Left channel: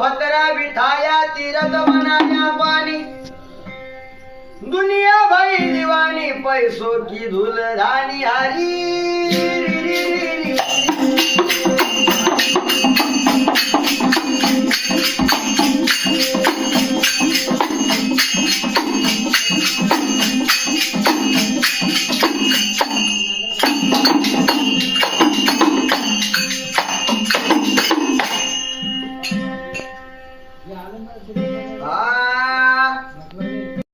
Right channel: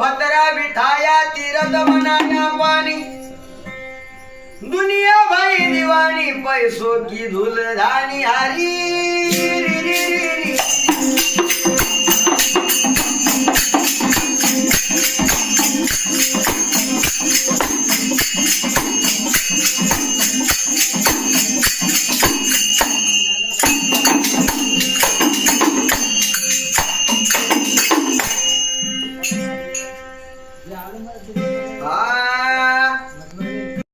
फतरा बिठाया तीरथ बनाया पानी दुनिया भाई दीवानी पैसों की धूल धानी हरी री री री री।